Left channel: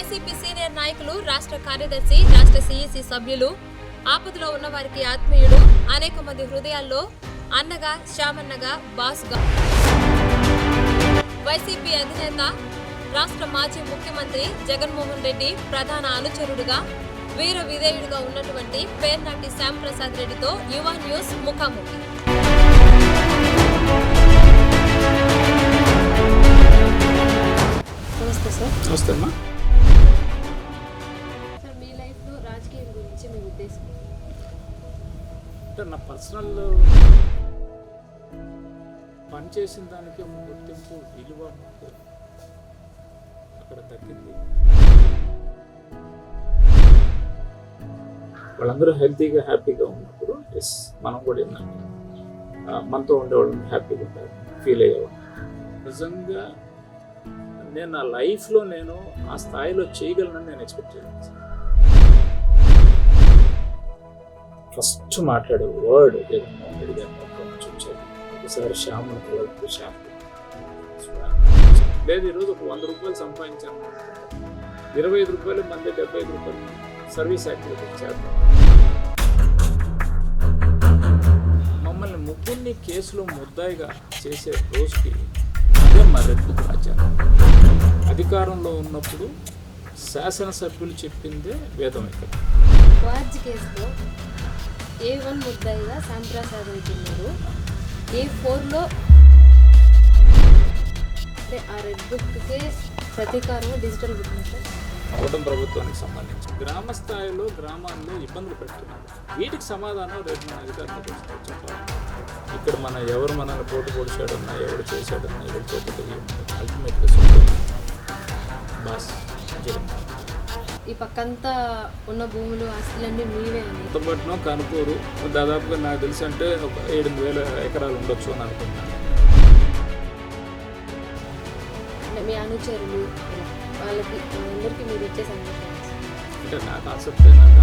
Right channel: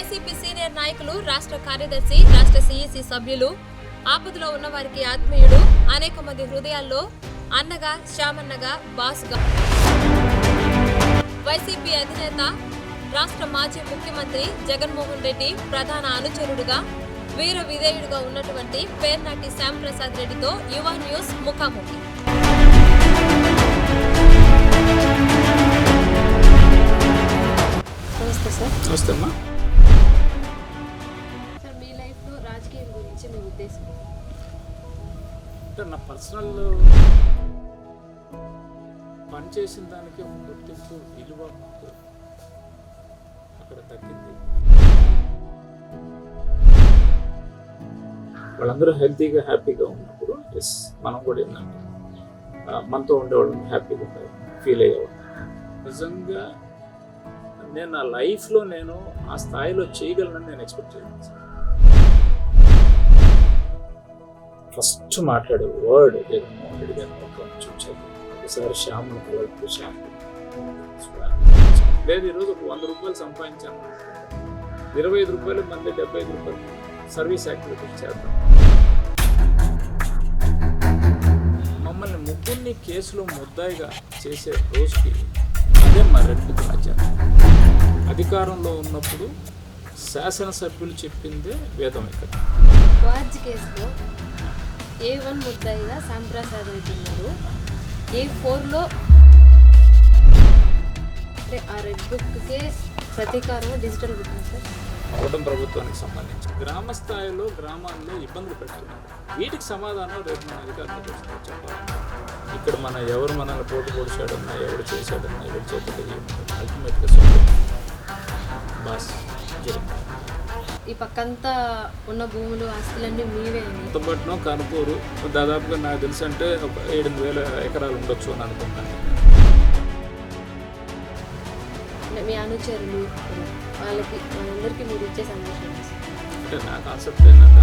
YCP senior నాయకులు, రాష్ట్ర కార్యదర్శి, రాష్ట్ర సీఈసీ సభ్యులు, ఆపదలో ఉన్న వారికి ఆత్మీయుడు, అనేక మంది హృదయాల్లో అన్నగా, శ్యామన్నగా, బాసుగా, వైసీపీ అధినేత, రాష్ట్ర మాజీ ముఖ్యమంత్రి జగన్మోహన్ రెడ్డి ప్రధాన అనుచరుడుగా, వీర విధేయుడుగా ఉన్నటువంటి పేర్నాటి శ్యాంప్రసాద్ రెడ్డితో యువ న్యూస్ ముఖాముఖి. నమస్తే సార్. నమస్తే అమ్మా. సార్, మీ లైఫ్లో రాజకీయం గురించి మీ ఉద్దేశం? అంటే నా పర్సనల్ పని చేసిన దానికి గుర్తింపు, విలువ మాకు అక్కడ తగ్గింది. వాళ్ళందరూ హెల్తీగా, హ్యాపీగా ఉన్నప్పుడు ఎస్ మనం కూడా ఏంటంటే మనతో ఉండేవాళ్ళని హ్యాపీగా ఉంటారు, ఫీల్ అయ్యేవాళ్ళు. నిజంగా నేను నా లైఫ్లో నేను ఆ స్థాయిలో చేయగలనని నేను ఎక్స్పెక్ట్ చేయలేదు. ఫస్ట్ మాట్లాడే వర్డ్ జగన్మోహన్ రెడ్డి గారిని చూచాను. ఒకసారి శ్యామను కలవకు, శ్యామ లేదు ఈరోజు ఒక 100 రూపాయలు సంపాదించాను, 25 రూపాయలు మంది 75 రూపాయలు సర్వీస్ యాక్టివిటీ చేద్దాం. మమ్మల్ని ముగ్గురిని కేసులో ముద్దాయిగా చేసే రోజుకి అదే మా రెడ్ బుక్ రాజ్యాంగం. అధికారంలో ఉన్నప్పుడు శాసనసభ్యులు చెప్పిందే వేదం. ఇక్కడ వార్జ్ కేసులో A1 ముద్దాయిగా శ్యాంప్రసాద్ రెడ్డి ఉన్నారు. A4లో అంటే ఆ రెడ్ బుక్కే ప్రతీకారం డిజిటల్ బుక్ సార్. కూటమి ప్రభుత్వానికి సంబంధించి గ్రామ స్థాయిలో గ్రామాల్లో ఇబ్బందులు పెడుతున్నారు. వీటికి సమాధానం రేపు మన అధికారులకు చెప్పాలి. ఇక్కడ ఎవరు మనల్ని పోటీ పొడిచాడన్నా, ఎవరు చేశాడన్నా, ఎవరు చేతులు అల్టిమేట్గా బాస్ జగన్. ఈ పక్కంతా ఉన్న భూములు, ఆస్తులన్నీ మీవే అని. కొత్తపట్నం, కనుపూరు దాదాపుగా నాకు తెలిసి అంటే ఒక 8,000 ఎకరాలు ఉండొచ్చు అని అనుకుంటాను. అంటే మీ అనుచరులు వాళ్ళందరికీ మీరు ఇచ్చే సందేశం అంటే నా కాన్సెప్ట్ ఏంటంటే